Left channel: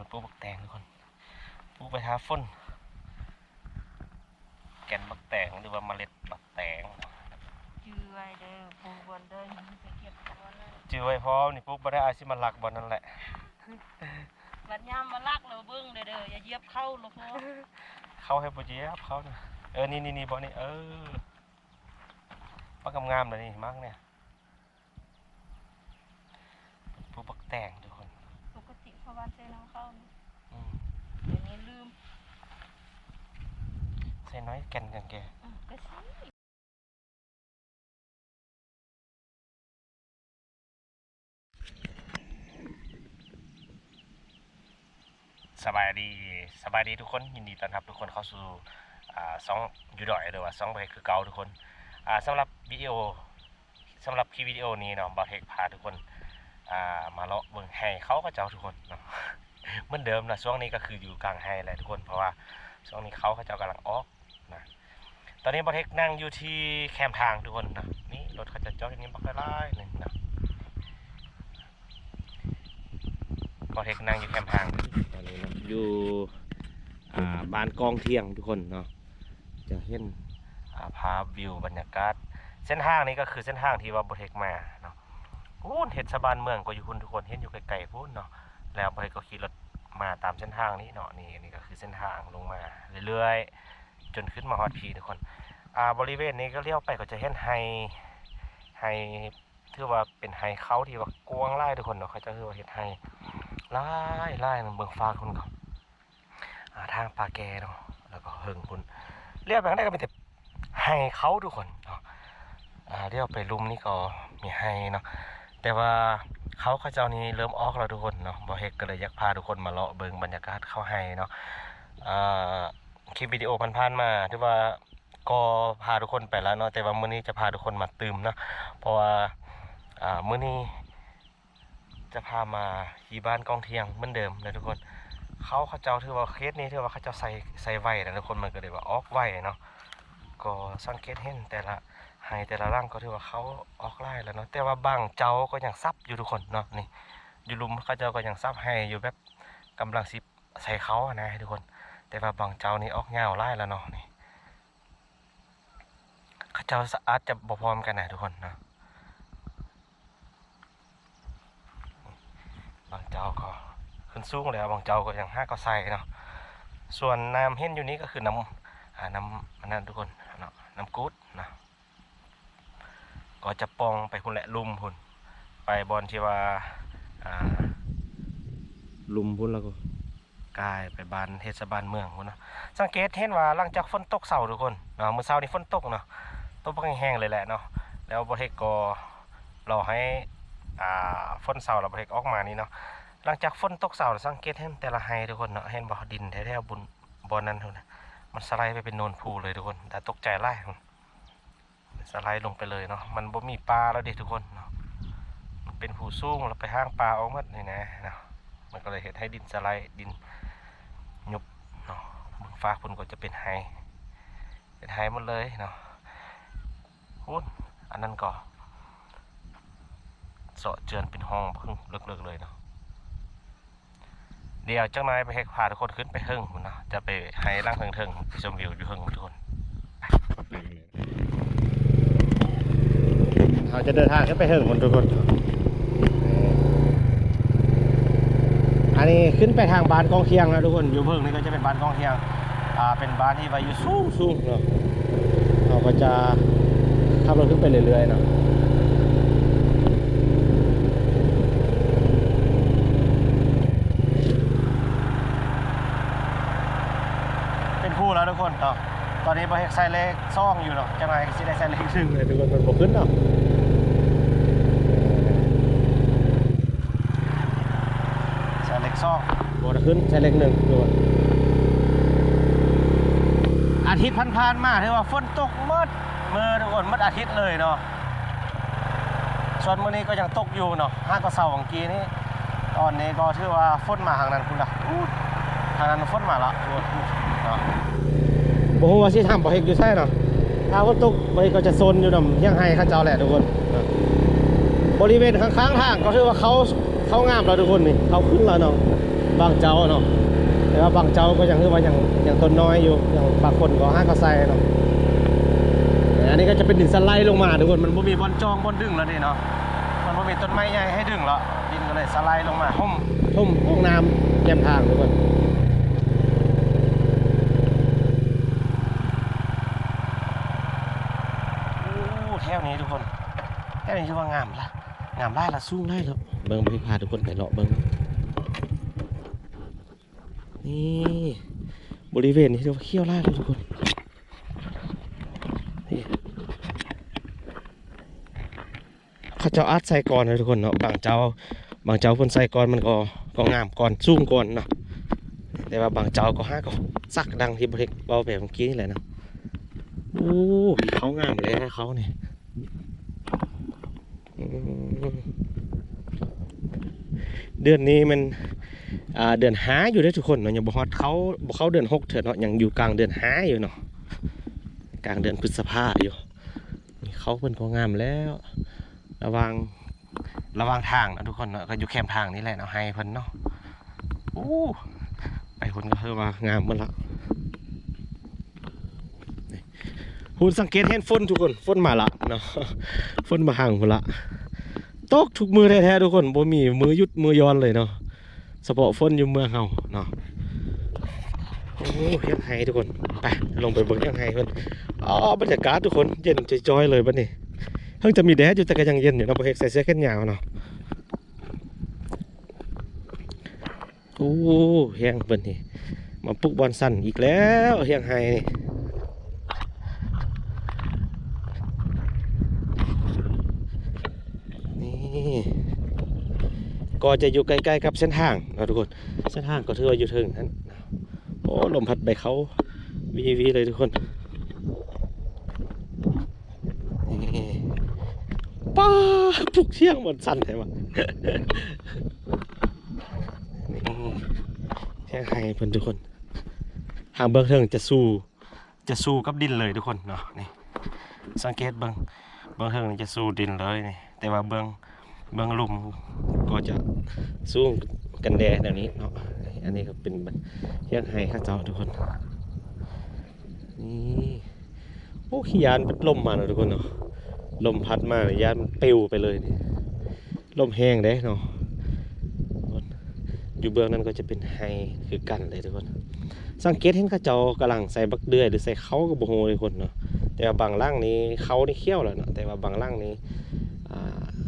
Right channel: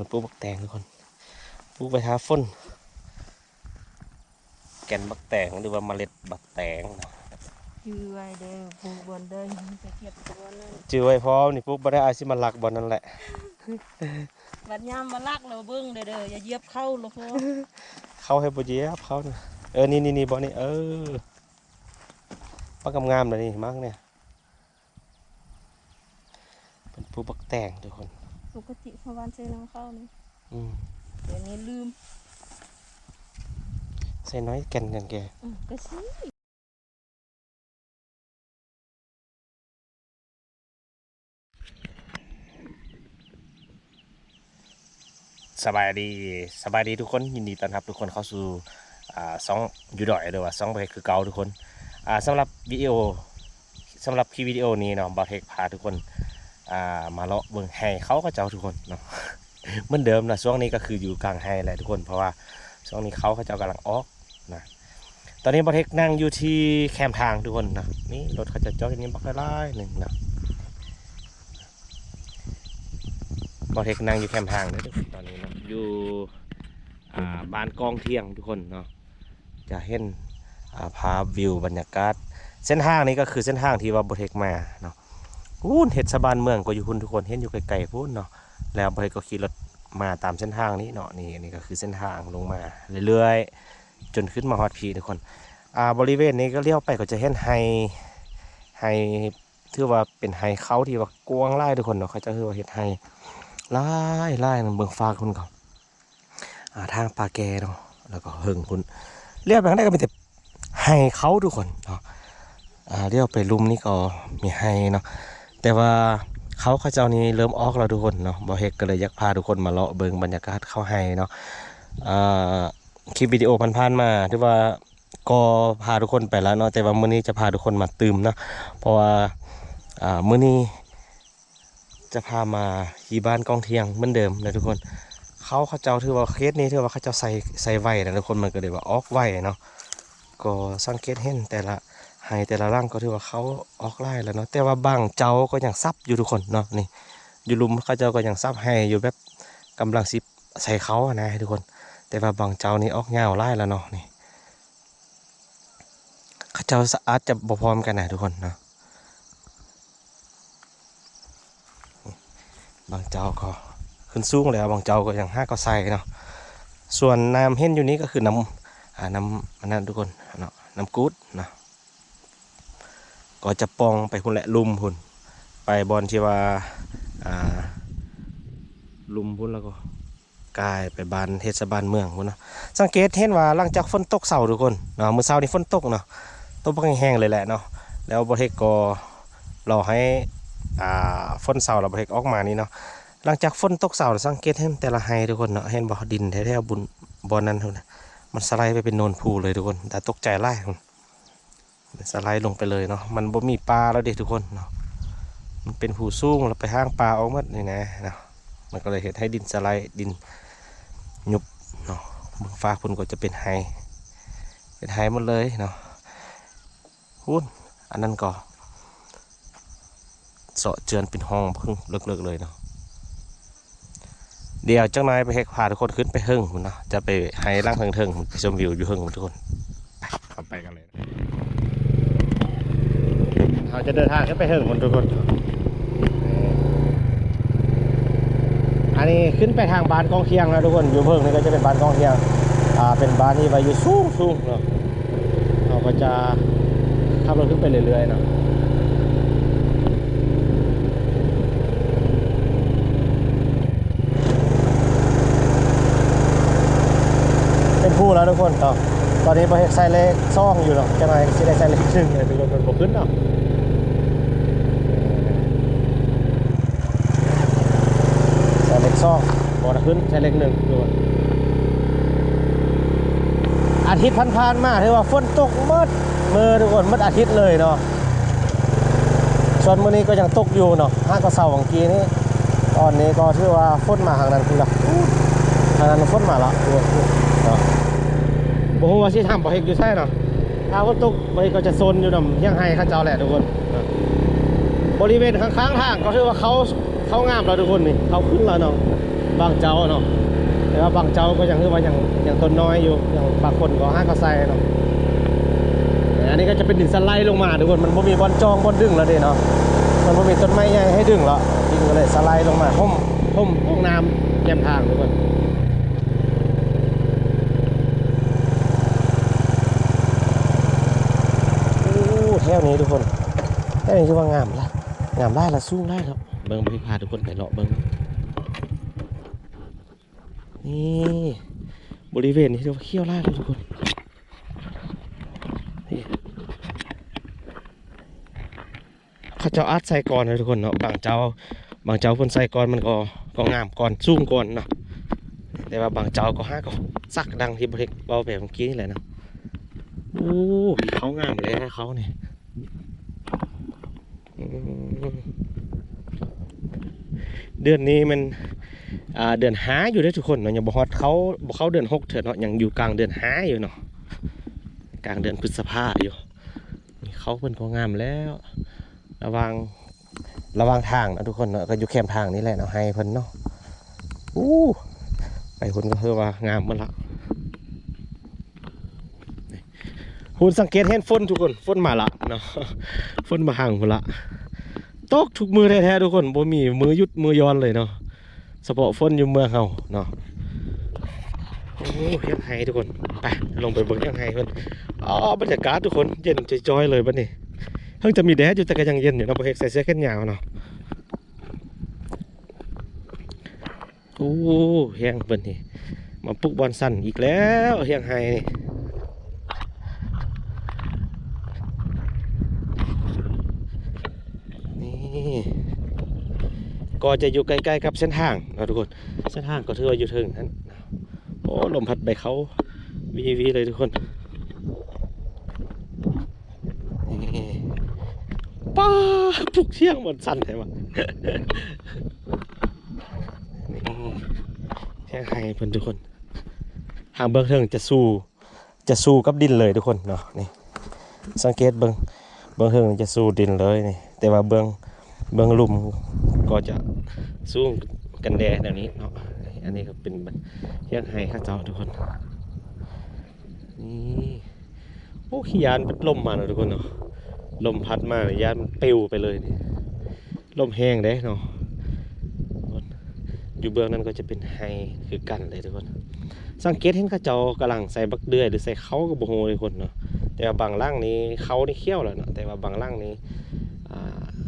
มันปลูกบักแตงทุกคนปลูกไปหาฝนแก่นบักแตงหรือว่าเมล็ดบักแตงชื่อไว้เด้อปลูกบนเด้อไปเก็บตัวนั่นจื้อไว้พร้อมนี่ปลูกบ่ได้อาสิมาลักบ่นั่นแหละบัดยามมาลักเราเบิ่งเด้ออย่าเหยียบเข้าหรอกพ่อเข้าให้บ่เหยียบเข้านี่บ่นี่ปักงามๆเลยนี่มั้งเนี่ยเป็นปลูกบักแตงทุกคนปกติพอวันใช้น้ำเข้านี่เดี๋ยวนี้ลืมใส่น้อยแก่นกันแกก็สิสบายดีทุกคนยินดีต้อนรับทุกคนเข้าสู่ซองยูดอยหรือว่าซองบอเทคคือเก่าทุกคนสำหรับคลิปวิดีโอนี้เนาะบอเทคพาทุกคนมาเลาะเบิ่งไฮเขาก็เจ้าทุกคนเนาะเหมือนเดิมนะช่วงนี้ก็คืออยู่กลางไฮแหละทุกคนเพราะว่าช่วงนี้เขาเจ้ากำลังออกนะตอนนี้บอเทคนั่งอยู่ที่แคมป์ทางทุกคนนะนี่รถเขาจะจอดอย่างนี้บักไล่หนึ่งนะบอเทคนั่งอยู่แคมป์ทางนะทุกคนตอนนี้เนาะอยู่บ้านกองเที่ยงทุกคนเนาะจะเห็นพาวิวบรรยากาศเส้นทางนี้ก็คือเส้นทางที่ว่าบอเทคมาเนาะพูนเห็ดสะบานเมืองก็อยู่พุ่นทุกคนเห็นอยู่ไกลๆพูนเนาะแล้วบอเทคก็ขี่รถมาตามเส้นทางนี้เนาะนี่ก็คือเส้นทางลงมาเรื่อยๆจนขึ้นมาฮอดพีทุกคนบริเวณนี้ก็เลี้ยวไปก็จะเห็นไฮถือว่าเป็นไฮเขาที่ว่ากว้างไล่ทุกคนเนาะเขาจะถือว่าเห็ดไฮไล่เบิ่งฟ้าคุณก่อนทางปลาแกเนาะแล้วก็เฮิงคุณเรียบแบบนั้นก็มีแต่ไฮเขาทุกคนเนาะเรียกไปลุมนี่ก็มีไฮเนาะแต่ว่าเขาเจ้านี้เริ่มออกแล้วทุกคนเนาะบอเฮกก็เลยอยากพาทุกคนมาเลาะเบิ่งบรรยากาศเข้าไฮเนาะคลิปวิดีโอผ่านๆมาที่ว่าก็พาทุกคนไปแล้วเนาะแต่ว่ามื้อนี้จะพาทุกคนมาตื่มเนาะเพราะว่ามื้อนี้จะพามาที่บ้านกองเทียงเหมือนเดิมนะทุกคนเขาเจ้าถือว่าเคสนี้ถือว่าเขาเจ้าใส่ไว้นะทุกคนมันก็เลยว่าออกไว้เนาะก็สังเกตเห็นแต่ละไฮแต่ละร่างก็ถือว่าเขาออกไล่แล้วเนาะแต่ว่าบางเจ้าก็ยังซับอยู่ทุกคนเนาะนี่อยู่ลุมเขาเจ้าก็ยังซับให้อยู่แบบกำลังซิบใส่เขานะทุกคนแต่ว่าบางเจ้านี่ออกเงาไล่แล้วเนาะนี่เขาเจ้าอาจจะบ่พร้อมกันนะทุกคนเนาะบางเจ้าก็ขึ้นสูงแล้วบางเจ้าก็ยังห้าก็ใส่เนาะส่วนน้ำเห็นอยู่นี้ก็คือน้ำอันนั้นทุกคนเนาะน้ำกูดนะก็จะปองไปพุ่นแหละลุมพุ่นไปบอลที่ว่าลุมพุ่นแล้วก็กายไปบานเทศบาลเมืองพุ่นเนาะสังเกตเห็นว่าหลังจากฝนตกเสาทุกคนเนาะมื้อเช้านี้ฝนตกเนาะตกแห้งๆเลยแหละเนาะแล้วบริเทกก็รอให้ฝนเสาเราบริเทกออกมานี่เนาะหลังจากฝนตกเสาสังเกตเห็นแต่ละไฮทุกคนเนาะเห็นบ่อดินแท้ๆบุญบอลนั้นทุกคนมันสไลด์ไปเป็นโนนพูเลยทุกคนแต่ตกใจไล่สไลด์ลงไปเลยเนาะมันบ่มีปลาแล้วเด็กทุกคนเนาะมันเป็นผูสูงเราไปห้างปลาออกมานี่นะเนาะมันก็เลยเห็นให้ดินสไลด์ดินยุบเนาะบนฟ้าคุณก็จะเป็นไฮหมดเลยเนาะคุณอันนั้นก็เสาะเจือนเป็นห้องเพิ่งเลิกเลยเนาะเดี๋ยวเจ้านายไปเฮกพาทุกคนขึ้นไปเฮิงเนาะจะไปไฮล่างเทิงไปชมวิวอยู่เฮิงทุกคนเข้าไปกันเลยเราจะเดินทางขึ้นไปเฮิงทุกคนอันนี้ขึ้นไปทางบ้านกองเทียงนะทุกคนอยู่เฮิงนี่ก็จะเป็นบ้านกองเทียงเป็นบ้านที่ไปอยู่สูงเนาะเราก็จะขับรถขึ้นไปเรื่อยๆเนาะเป็นผู้แล้วทุกคนเนาะตอนนี้บริเวณไซเล็กซ่องอยู่เนาะจะมาที่ได้ไซเล็กซึ่งเลยทุกคนมันบกขึ้นเนาะไซเล็กซ่องบกขึ้นไซเล็กหนึ่งทุกคนอาทิตย์ผ่านมาถือว่าฝนตกมือทุกคนมืดอาทิตย์เลยเนาะส่วนมื้อนี้ก็ยังตกอยู่เนาะห้างก็เสาร์ของกี้นี้ตอนนี้ก็ถือว่าฝนมาทางนั้นคุณละทางนั้นฝนมาละทุกคนเนาะโอ้โหว่าสิทำบ่เฮกอยู่ใช่เนาะถ้าฝนตกไปก็จะโซนอยู่นำยังไห้ข้าเจ้าแหละทุกคนบริเวณข้างๆทางก็ถือว่าเขางามแล้วทุกคนนี่เขาขึ้นแล้วเนาะ บางเจ้าเนาะแต่ว่าบางเจ้าก็ยังคือว่ายังต้นน้อยอยู่อย่างบางคนก็ห้าก็ใส่เนาะอันนี้ก็จะเป็นดินสไลด์ลงมาทุกคนมันไม่มีบอลจองบอลดึงแล้วเด้เนาะมันไม่มีต้นไม้ใหญ่ให้ดึงแล้วดินก็เลยสไลด์ลงมาห่มห้องน้ำแยมทางทุกคนโอ้แถวนี้ทุกคนแถวนี้ชื่อว่างามละงามได้ละสู้ได้แล้วเบิ่งไปพาทุกคนไปเลาะเบิ่งนี่บริเวณนี้เรียกว่าเขี้ยวไร่เลยทุกคนเขาเจ้าอัดใส่ก่อนเลยทุกคนเนาะบางเจ้าคนใส่ก่อนมันก็งามก่อนสูงก่อนเนาะแต่ว่าบางเจ้าก็ห้าก็ซักดังที่บริเวณเบาแบบเมื่อกี้นี่แหละเนาะโอ้เขางามเลยเขาเนี่ยเดือนนี้มันเดือนห้าอยู่ได้ทุกคนเนาะยังบ่ฮอดเขาเดือน6เถิดเนาะยังอยู่กลางเดือนห้าอยู่เนาะกลางเดือนพฤษภาอยู่เขาเพิ่นก็งามแล้วระวังทางนะทุกคนเนาะก็อยู่แคมทางนี่แหละเนาะให้เพิ่นเนาะไปคนก็คือว่างามหมดละคุณสังเกตเห็นฝนทุกคนฝนมาละเนาะฝนมาห่างหมดละตกทุกมือแท้ๆทุกคนบ่มีมือยุดมือย้อนเลยเนาะเฉพาะฝนอยู่เมืองเฮาเนาะโอ้ยังไงทุกคนไปลงไปเบิ่งยังไงเพิ่นบรรยากาศทุกคนเย็นจอยๆเลยบัดนี้เพิ่งจะมีแดดอยู่แต่ก็ยังเย็นอยู่เนาะบ่เฮ็ดใส่เสื้อแขนยาวเนาะโอ้เฮียงเพิ่นนี่มาปลุกบอลสั่นอีกแล้วเฮียงไฮนี่ก็จะอยู่ใกล้ๆกับเส้นทางนะทุกคนเส้นทางก็ถือว่าอยู่ถึงนั้นโอ้ลมพัดใบเขาวีเลยทุกคนป้าปลุกเชี่ยงหมดสั่นใช่ไหมนี่เชี่ยงไฮเพื่อนทุกคนทางเบื้องเทิงจะสู้กับดินเลยทุกคนเนาะนี่สังเกตเบื้องเทิงจะสู้ดินเลยนี่แต่ว่าเบื้องลุ่มก็จะสู้กันแดดแบบนี้เนาะอันนี้ก็เป็นเชี่ยงไฮข้าเจ้าทุกคนนี่โอ้ขี้ยานเป็นลมมาเนาะทุกคนเนาะลมพัดมาเลยยานมันปิวไปเลยนี่ลมแห้งเด้เนาะอยู่เบื้องนั้นก็จะเป็นไฮคือกันเลยทุกคนสังเกตเห็นข้าเจ้ากำลังใส่บักเดือยหรือใส่เขากับโบโฮทุกคนเนาะแต่ว่าบางร่างนี้เขานี่เขี้ยวแล้วเนาะแต่ว่าบางร่างนี้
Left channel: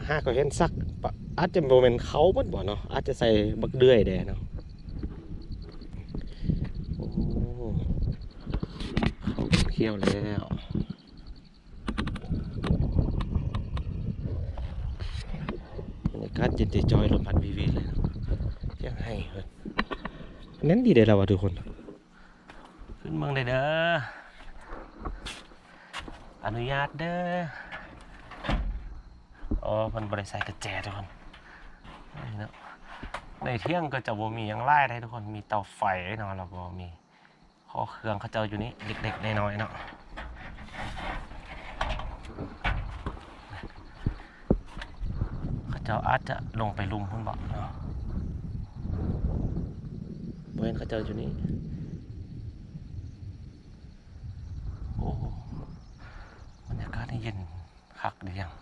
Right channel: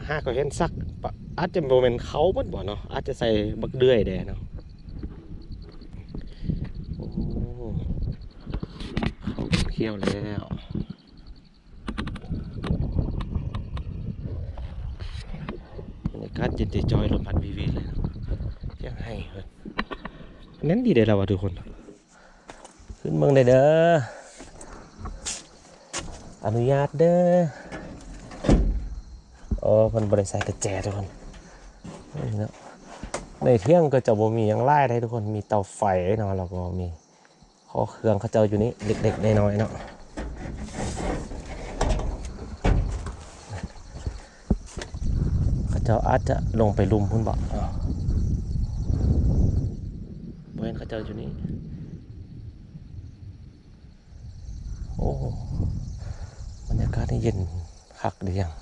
ห้าก็เห็นซักอาจจะโมเมนเขาบ่เนาะอาจจะใส่บักเดือยแดเนาะโอ้เขาเขี้ยวแล้วบรรยากาศเย็นจอยลมพัดวีเลยยังให้เพิ่นนั้นดีเลยเราทุกคนขึ้นเมืองได้เด้ออนุญาตเด้อโอ้มันบริษัทกระแจทุกคนนี่เนาะในเที่ยงก็จะบ่มียังไล่ได้ทุกคนมีเตาไฟเนาะแล้วก็มีข้อเครื่องเขาเจ้าอยู่นี่เด็กๆน้อยๆเนาะเขาเจ้าอาจจะลงไปลุมพุ่นบอกเนาะบ่เห็นเขาเจ้าอยู่นี่โอ้บรรยากาศนี่เย็นคักดียัง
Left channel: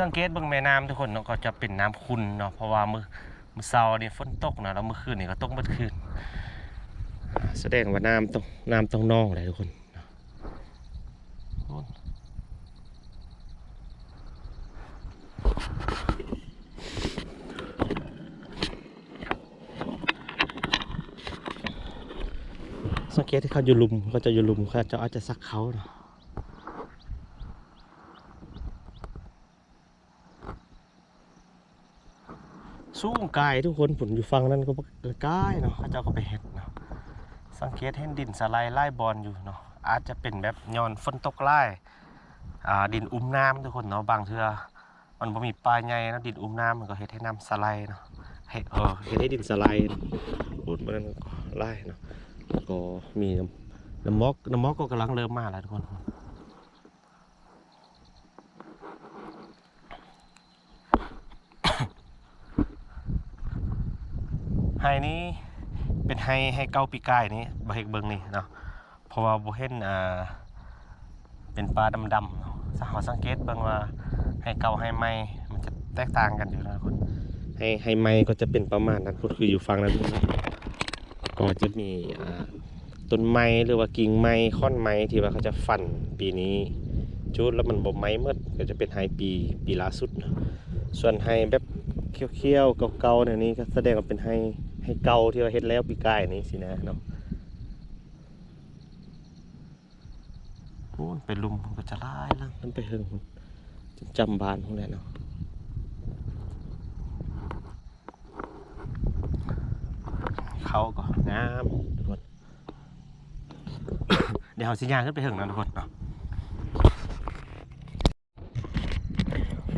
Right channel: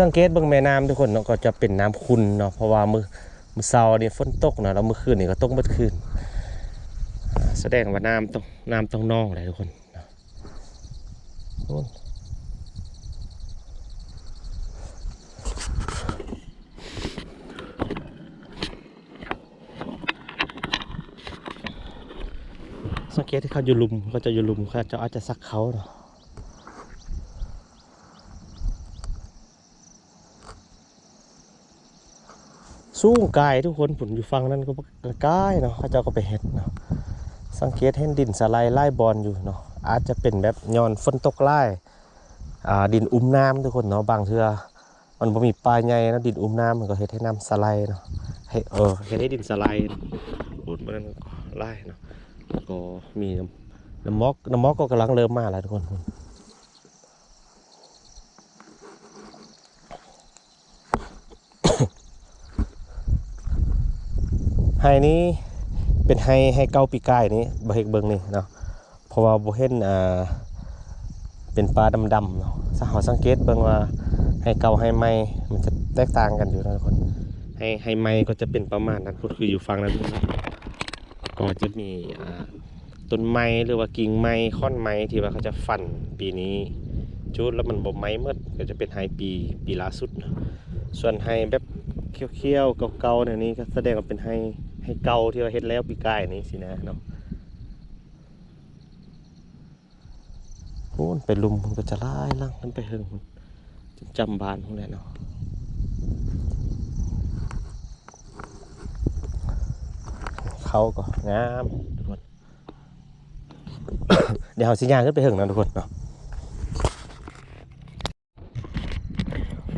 สังเกตเบื้องแม่น้ำทุกคนเนาะก็จะเป็นน้ำขุ่นเนาะเพราะว่ามือเช้านี่ฝนตกเนาะแล้วเมื่อคืนนี่ก็ตกเมื่อคืนแสดงว่าน้ำต้องนองเลยทุกคนสังเกตที่เขาอยู่ลุมเขาจะอยู่ลุมเขาจะอาจจะซักเขาเนาะสูงกายทุกคนผลอยู่ฟังนั้นก็กายเนาะเขาเจ้าก็ไปเห็ดเนาะสังเกตเห็นดินสไลด์ไล่บอลอยู่เนาะอาจจะเป็นแบบย้อนฝนตกไล่ดินอุ้มน้ำทุกคนเนาะบางเทื่อมันบ่มีปลายใหญ่แล้วดินอุ้มน้ำมันก็เห็ดให้น้ำสไลด์เนาะเห็ดให้ดินสไลด์อุดมันก็ไล่เนาะก็มีน้ำมอกก็กำลังเริ่มมาแล้วทุกคน ไฮนี้เป็นไฮเก่าปีกายนี้บ่เห็นเบิ่งนี่เนาะเพราะว่าบ่เห็นเป็นปลาดำๆเนาะถ้าเราสังเกตเบิ่งว่าไฮเก่าไฮใหม่มันจะแตกต่างกันอยู่นะทุกคนไฮใหม่ก็จะเป็นประมาณนั้นก็คืออยู่ฝั่งนั้นก็จะมีต้นไม้หรือว่ากิ่งไม้ค่อนไม้ที่ว่าเขาจะฟันปีนี้จุดแล้วมันบ่ไม้หมดก็จะเป็นไฮปีล่าสุดเนาะส่วนไฮแบบเขียวๆเก่าๆเนี่ยนี้ก็แสดงว่าเป็นไฮเก่าที่ว่าเฮ็ดแล้วปีกายนี้สินะเนาะโอ้ไปลุมมันก็จะไล่ล่างมันไปเฮิงจนจำบานพวกนี้เนาะเขาก็งามทุกคน เดี๋ยวเราสิย่างขึ้นไปเฮิงนะทุกคนเนาะ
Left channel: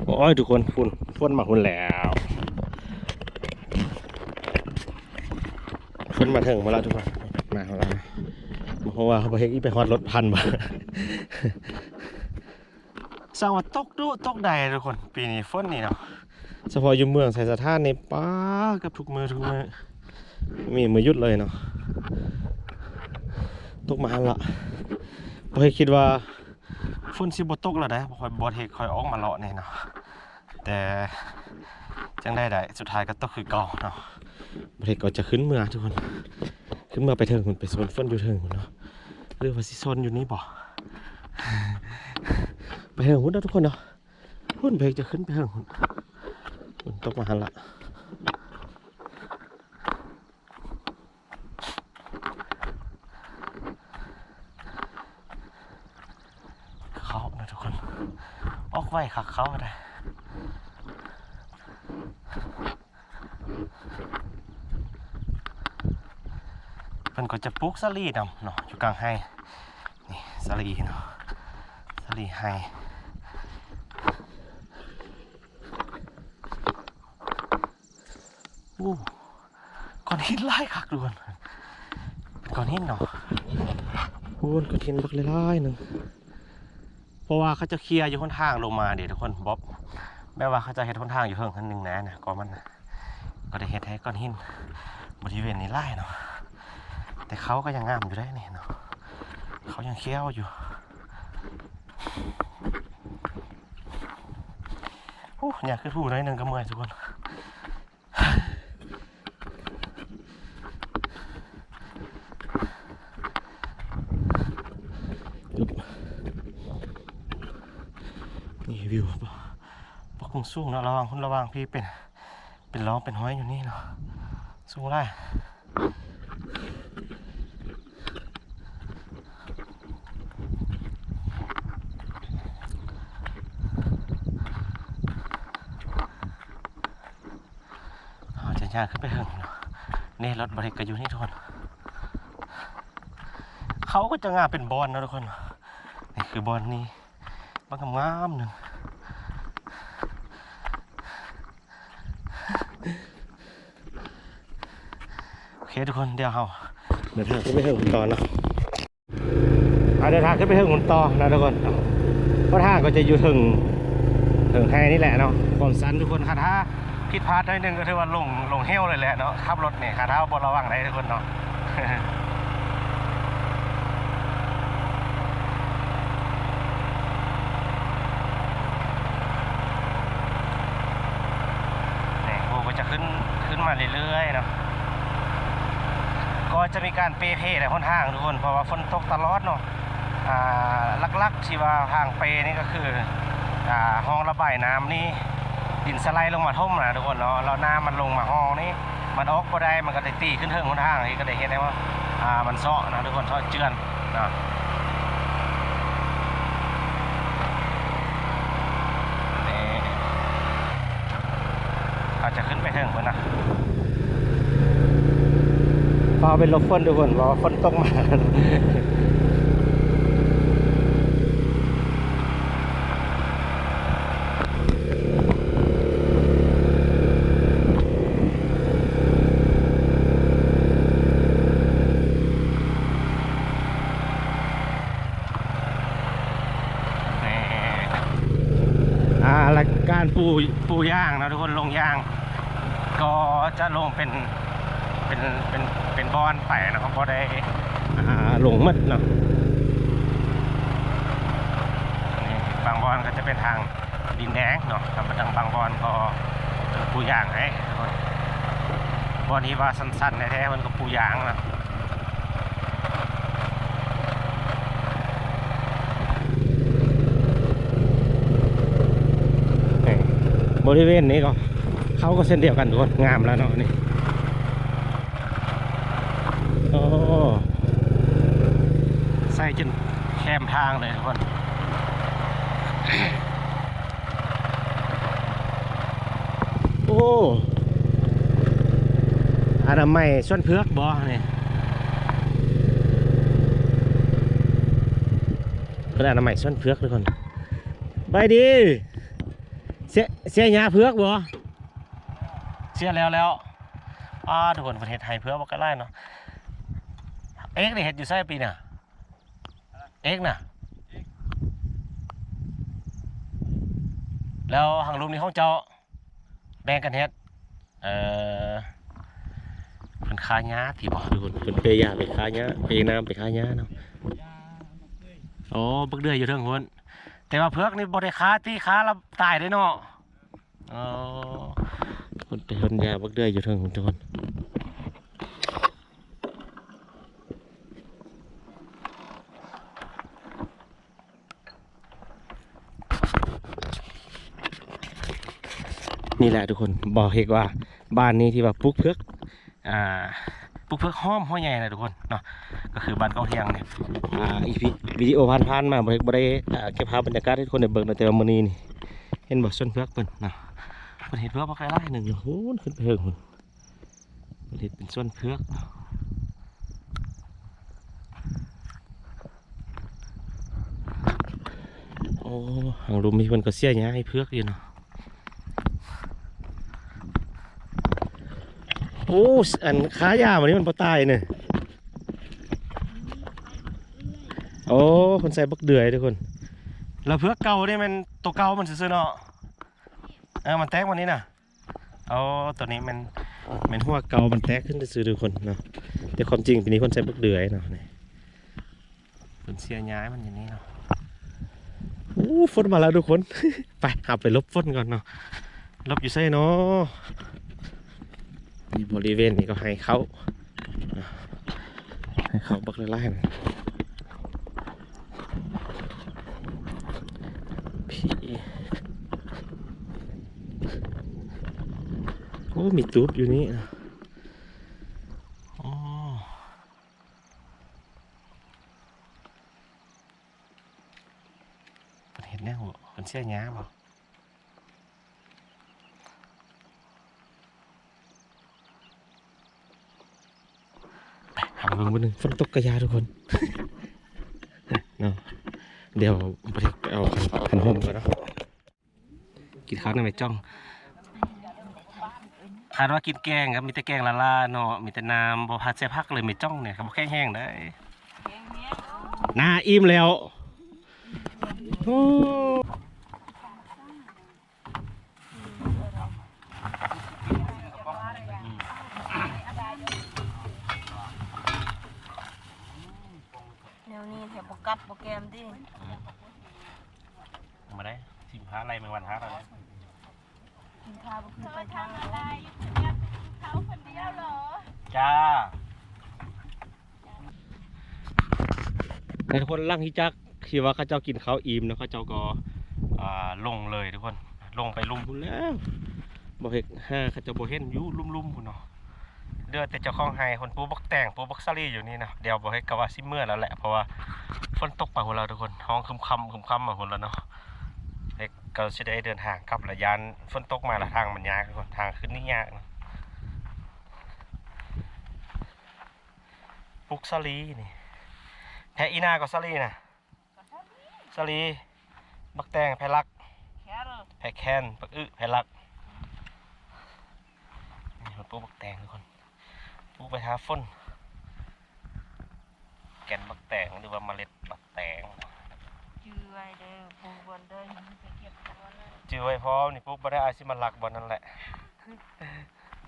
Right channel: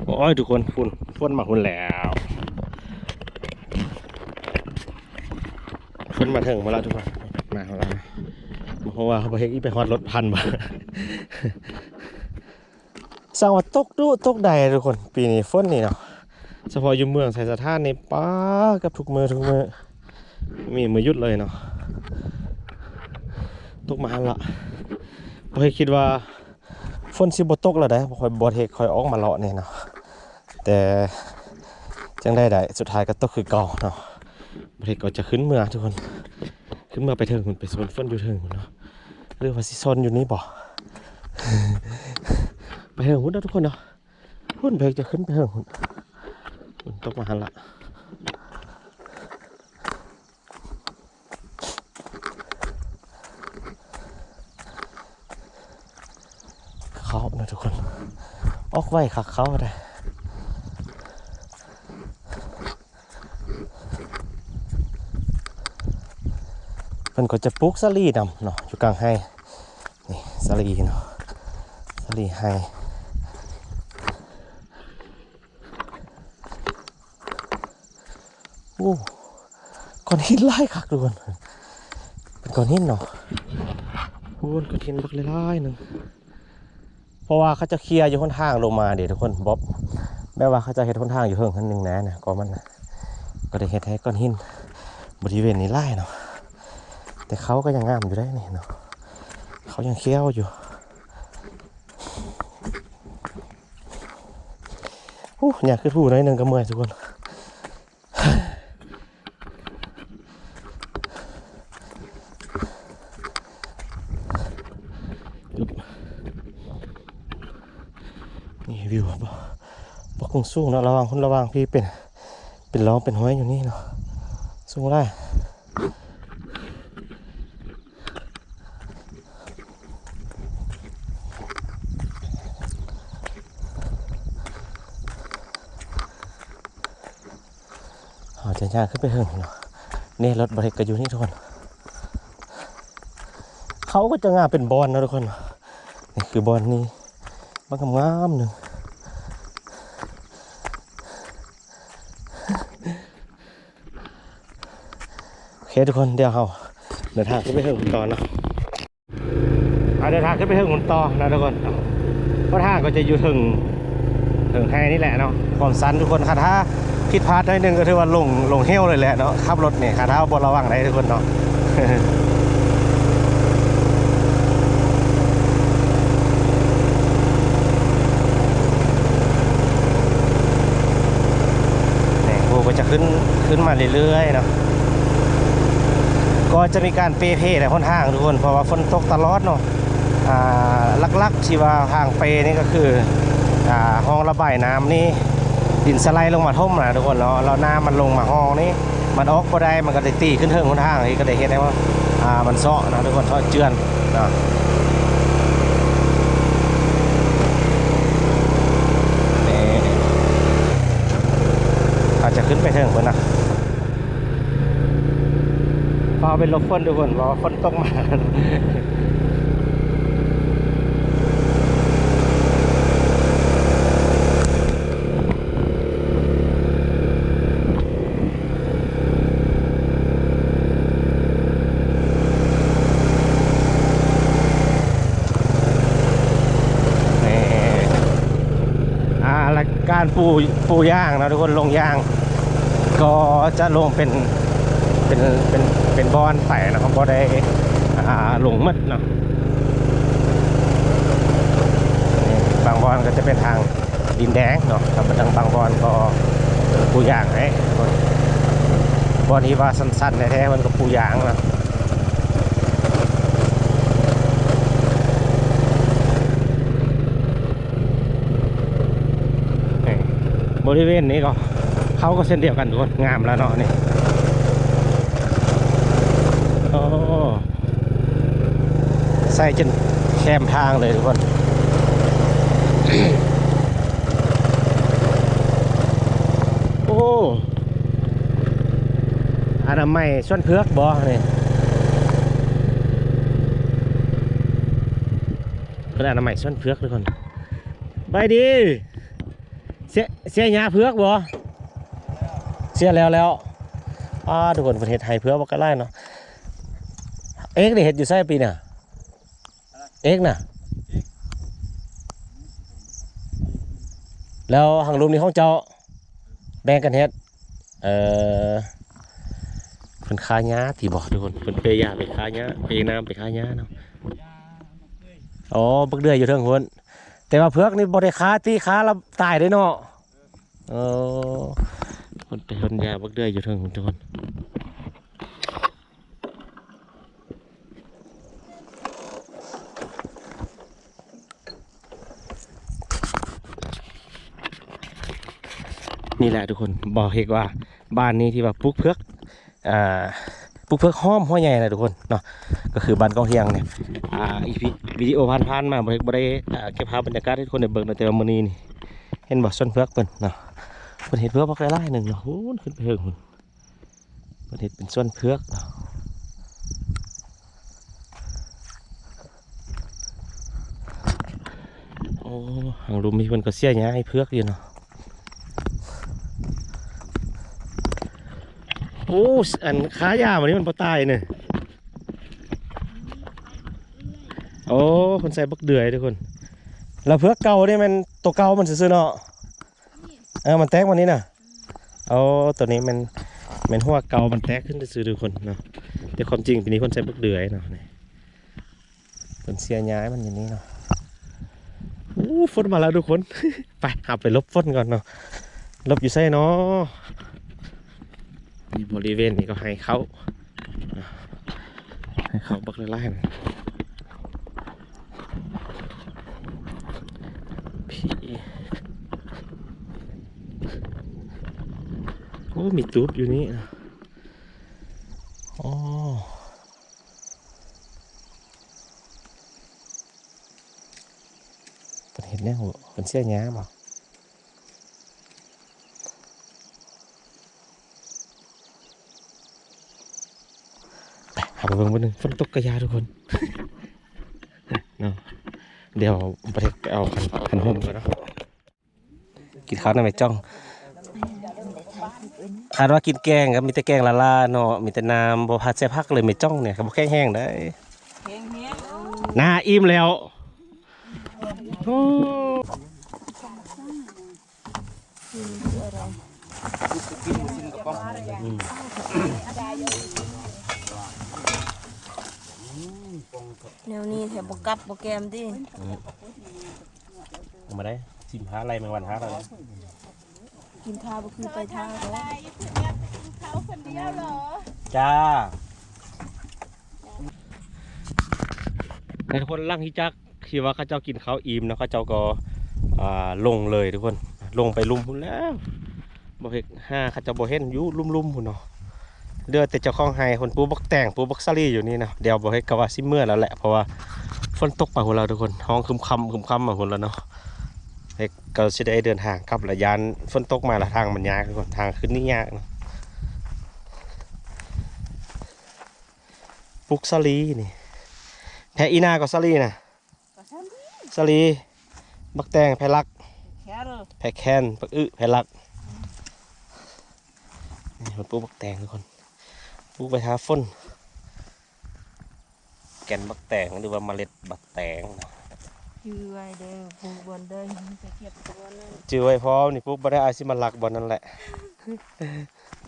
โอ้ยทุกคนฝนมาหุ่นแล้วฝนมาถึงมาแล้วทุกคนมาของเราเพราะว่าเขาไปเฮ็ดอีไปฮอดรถพันมา สร้างว่าตกดุตกใดทุกคนปีนี้ฝนนี่เนาะเฉพาะอยู่เมืองไสสถานในป้ากับทุกมือมีมือยุดเลยเนาะตกมาหันละบ่เคยคิดว่าฝนสิบ่ตกแล้วได้บ่ค่อยบ่เฮ็ดค่อยออกมาเลาะนี่เนาะแต่จังได้สุดท้ายก็ตกคือเก่าเนาะบ่เฮ็ดก็จะขึ้นเมืองทุกคนขึ้นเมืองไปเถิงมันไปโซนฝนอยู่เถิงเนาะหรือว่าสิโซนอยู่นี่บ่ ไปเถิงหุ่นเนาะทุกคนเนาะหุ่นเพลจะขึ้นไปเถิงหุ่นตกมาหันละเขานะทุกคนออกไว้คักเขาได้มันก็จะปลูกสาลีนำเนาะอยู่กลางไห้นี่สาลีเนาะสาลีไห้โอ้ก้อนหินไล่คักทุกคนเป็นก้อนหินเนาะโอ้ก้อนหินบักไล่หนึ่งเพราะว่าเขาจะเคลียร์อยู่ข้างทางลงมาเดี๋ยวทุกคนบ๊อบแม้ว่าเขาจะเห็ดข้างทางอยู่เพิ่งคันหนึ่งนะก็มันก็ได้เห็ดให้ก้อนหินบริเวณนี้ไล่เนาะแต่เขาก็ยังงามอยู่ได้นี่เนาะเขายังเคี้ยวอยู่โอ้อยากขึ้นผู้น้อยหนึ่งก็เมื่อยทุกคนนี่วิวบ่คงสูงเนาะระวังคนระวังพี่เป็นล้อเป็นห้อยอยู่นี่เนาะสูงได้จะย่างขึ้นไปเหิงเนาะนี่รถบริกอยู่นี่ทุกคนเขาก็จะงามเป็นบอลนะทุกคนนี่คือบอลนี่บางงามหนึ่งโอเคทุกคนเดี๋ยวเราเดินทางขึ้นไปเหิงหุ่นต่อเนาะเดินทางขึ้นไปเหิงหุ่นต่อนะทุกคนเพราะทางก็จะอยู่ถึงไฮนี่แหละเนาะความสั้นทุกคนค่ะถ้าผิดพลาดได้หนึ่งก็ถือว่าลงเฮลเลยแหละเนาะขับรถเนี่ยขาเท้าบนระวังได้ทุกคนเนาะ เนี่ยโบก็จะขึ้นมาเรื่อยๆเนาะก็จะมีการเปเพแต่ค่อนข้างทุกคนเพราะว่าฝนตกตลอดเนาะลักๆที่ว่าทางเปนี่ก็คือห้องระบายน้ำนี่ดินสไลด์ลงมาท่มนะทุกคนเนาะแล้วน้ำมันลงมาห้องนี้มันออกก็ได้มันก็ได้ตีขึ้นเทิงคนทางนี้ก็ได้เห็นได้ว่ามันเซาะนะทุกคนเซาะเจือนนะนี่อาจจะขึ้นไปเทิงคนนะพอเป็นลบฝนทุกคนเพราะฝนตกมาการปูย่างนะทุกคนลงย่างก็จะลงเป็น เป็นเป็นบอนไปนะครับบ่ได้หลงมัดเนาะนี่บางบอนก็จะเป็นทางดินแดงเนาะครับบางบอนก็ปูยางให้คนบอนที่ว่าสั้นๆแท้ๆมันก็ปูยางนะบริเวณนี้ก็เขาก็เส้นเดียวกันทุกคนงามแล้วเนาะนี่โอ้ใส่จนแคมทางเลยทุกคน โอ้อนามัยส่วนเพือกบ่นี่เป็นอนามัยส่วนเพือกทุกคนไปดีเสียหญ้าเพือกบ่เสียแล้วทุกคนประเทศไทยเพือกบ่ก็ไล่เนาะเอ็กได้เห็ดอยู่ไส้ปีน่ะเอ็กน่ะแล้วหางลุมนี่ของเจ้าแบ่งกันเฮ็ดเพิ่นค้าหญ้าที่บ่ทุกคนเพิ่นเปยาไปค้าหญ้าเปน้ำไปค้าหญ้าเนาะอ๋อบักเดือยอยู่เทิงพุ่นแต่ว่าเพือกนี่บ่ได้ค้าตีค้าแล้วตายได้เนาะคนไปคนยาบักเดือยอยู่เทิงทุกคนนี่แหละทุกคนบอกเหตุว่าบ้านนี้ที่ว่าปลูกเพือกปลูกเพือกห้อมห้อใหญ่นะทุกคนเนาะก็คือบ้านกองเทียงเนี่ยอีพีวิดีโอผ่านๆมาบ่ได้เก็บภาพบรรยากาศให้ทุกคนได้เบิ่งแต่ว่ามื้อนี้นี่เห็นบ่ส้นเพือกเพิ่นเนาะเพิ่นเฮ็ดเพือกบ่ไกลหลายหนึงเนาะโหขึ้นไปเฮิงพุ่นเพิ่นเฮ็ดเป็นส้นเพือกโอ้หางลุมมีเพิ่นก็เสียหญ้าให้เพือกอยู่เนาะโอ้อันขายาวันนี้มันปลาตายเนี่ยโอ้คนใส่บักเดือยทุกคนแล้วเพื่อเก่าเนี่ยมันตัวเก่ามันซื่อๆเนาะมันแตกวันนี้น่ะเอาตัวนี้มันหัวเก่ามันแตกขึ้นซื่อๆทุกคนเนาะแต่ความจริงปีนี้คนใส่บักเดือยเนาะนี่คนเสียย้ายมันอย่างนี้เนาะโอ้ฝนมาแล้วทุกคน ไปหาไปลบฝนก่อนเนาะลบอยู่ไส้เนาะบริเวณนี้ก็ให้เขาบักไล่นะพี่โอ้มีตูบอยู่นี่อ๋อเป็นเห็นแน่หัวเป็นเสี้ยหญ้าบ่หาไปเบิ่งบนหนึ่งฝนตกกระยาทุกคน เนาะเดี๋ยวประเทศเอาขันห่มก่อนเนาะกินข้าวในไม่จ้องคาดว่ากินแกงครับมีแต่แกงละลาเนาะมีแต่น้ำบ่ผัดใส่ผักเลยไม่จ้องเนี่ยครับบ่แค่แห้งได้หน้าอิ่มแล้วโอ้แนวนี้แถบกัดโปรแกรมดิ มาได้ชิมหาอะไรแมงวันหาอะไร กินข้าวก็คือไปท่าแล้ว จ้าในทุกคนล่างที่จักคิดว่าข้าเจ้ากินข้าวอิ่มนะข้าเจ้าก็ลงเลยทุกคนลงไปลุ่มพุ่นแล้วบ่เห็นข้าเจ้าบ่เห็นอยู่ลุ่มพุ่นเนาะเดือแต่เจ้าของไฮคนปูบักแต่งปูบักซาลี่อยู่นี่นะเดี๋ยวบ่ให้กว่าซิเมื่อแล้วแหละเพราะว่าฝนตกไปหัวเราทุกคนห้องคึมคำมาหัวเราเนาะเด็กก็จะได้เดินทางครับระยานฝนตกมาละทางมันยากทุกคนทางขึ้นนี่ยากนะปุกซาลีนี่แทอีนาก็ซาลีนะซาลีบักแตงแพลักแพแคนปักแพลักนี่มันปลูกบักแตงทุกคนปลูกไปหาฝนแก่นบักแตงหรือว่าเมล็ดบักแตง ก จื้อไว้เด้อปูบนเด้อไปเก็บตัวนั่น จื้อไว้พร้อมนี่ปุ๊บบ่ได้อาสิมาลักบ่นั่นแหละ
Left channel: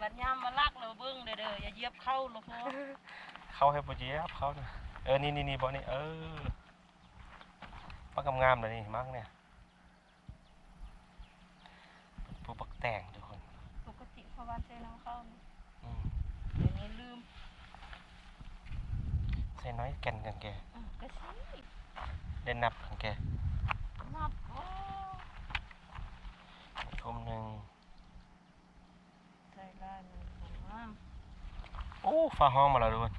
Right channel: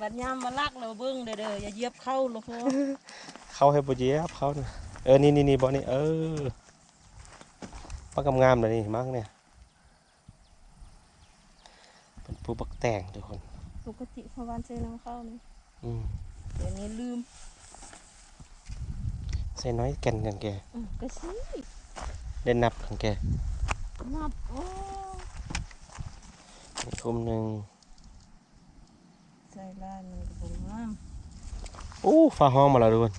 บัดยามมาลักเราเบิ่งเด้ออย่าเหยียบเข้าลูกพ่อ เข้าให้บ่เหยียบเขาน่ะนี่บ่นี่ปักงามๆเลยนี่มักเนี่ยเป็นผู้บักแต่งทุกคน ปกติพอวันเซน้ำเข้านี่ อืม เดี๋ยวนี้ลืม ใส่น้อยแก่นกันแก ก็สิ ได้นับกันแก นับโอ้ นี่คุมหนึ่ง ใส่ลายมันก็บ่งาม โอ้ฟ้าห้องมาแล้วทุกคน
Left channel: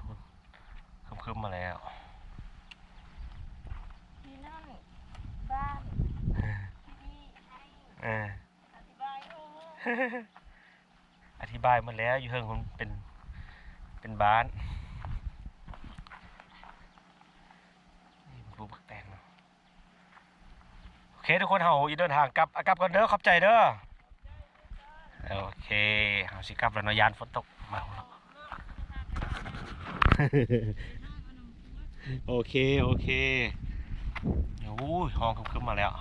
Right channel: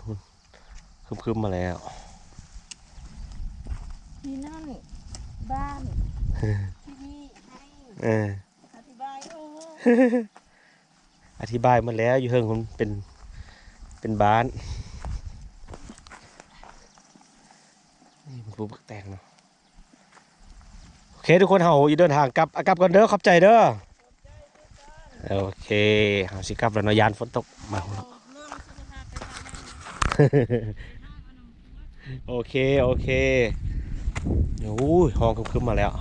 คึมๆมาแล้ว ที่นั่นบ้านที่นี่ให้ เออ อธิบายโอ้ อธิบายมาแล้วอยู่เฮิงผมเป็นบ้านนี่เป็นผู้บักแตงเนาะโอเคทุกคนเฮาอีเดินทางกลับก่อนเด้อขอบใจเด้อโอเคเฮาสิกลับแล้วเนาะยานฝนตกมาแล้ว เรื่องสุขภาพโอเคโอ้ยห้องคึมๆมาแล้ว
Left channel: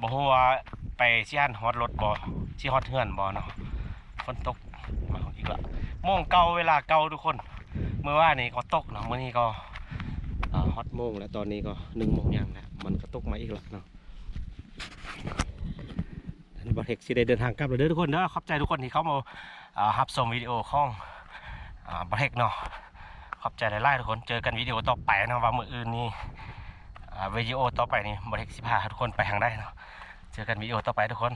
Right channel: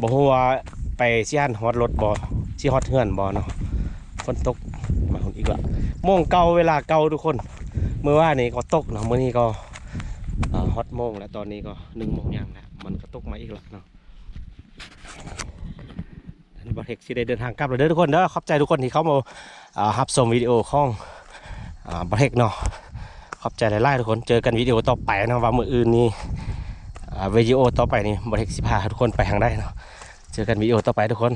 บ่ฮู้ว่าไปสิหันฮอดรถบ่สิฮอดเฮือนบ่เนาะฝนตกมาคนอีกละโมงเก่าเวลาเก่าทุกคนเมื่อวานนี้ก็ตกเนาะมื้อนี้ก็ฮอตโมงแล้วตอนนี้ก็1 โมงยังแล้วมันก็ตกมาอีกแล้วเนาะอันนี้บ่เทคสิได้เดินทางกลับแล้วเด้อทุกคนเด้อขอบใจทุกคนที่เข้ามารับชมวิดีโอของบ่เทคเนาะขอบใจหลายๆทุกคนเจอกันวิดีโอต่อไปนะว่ามื้ออื่นนี้วิดีโอต่อไปนี่บ่เทคสิพาทุกคนไปทางใดเนาะเจอกันวิดีโอต่อไปทุกคน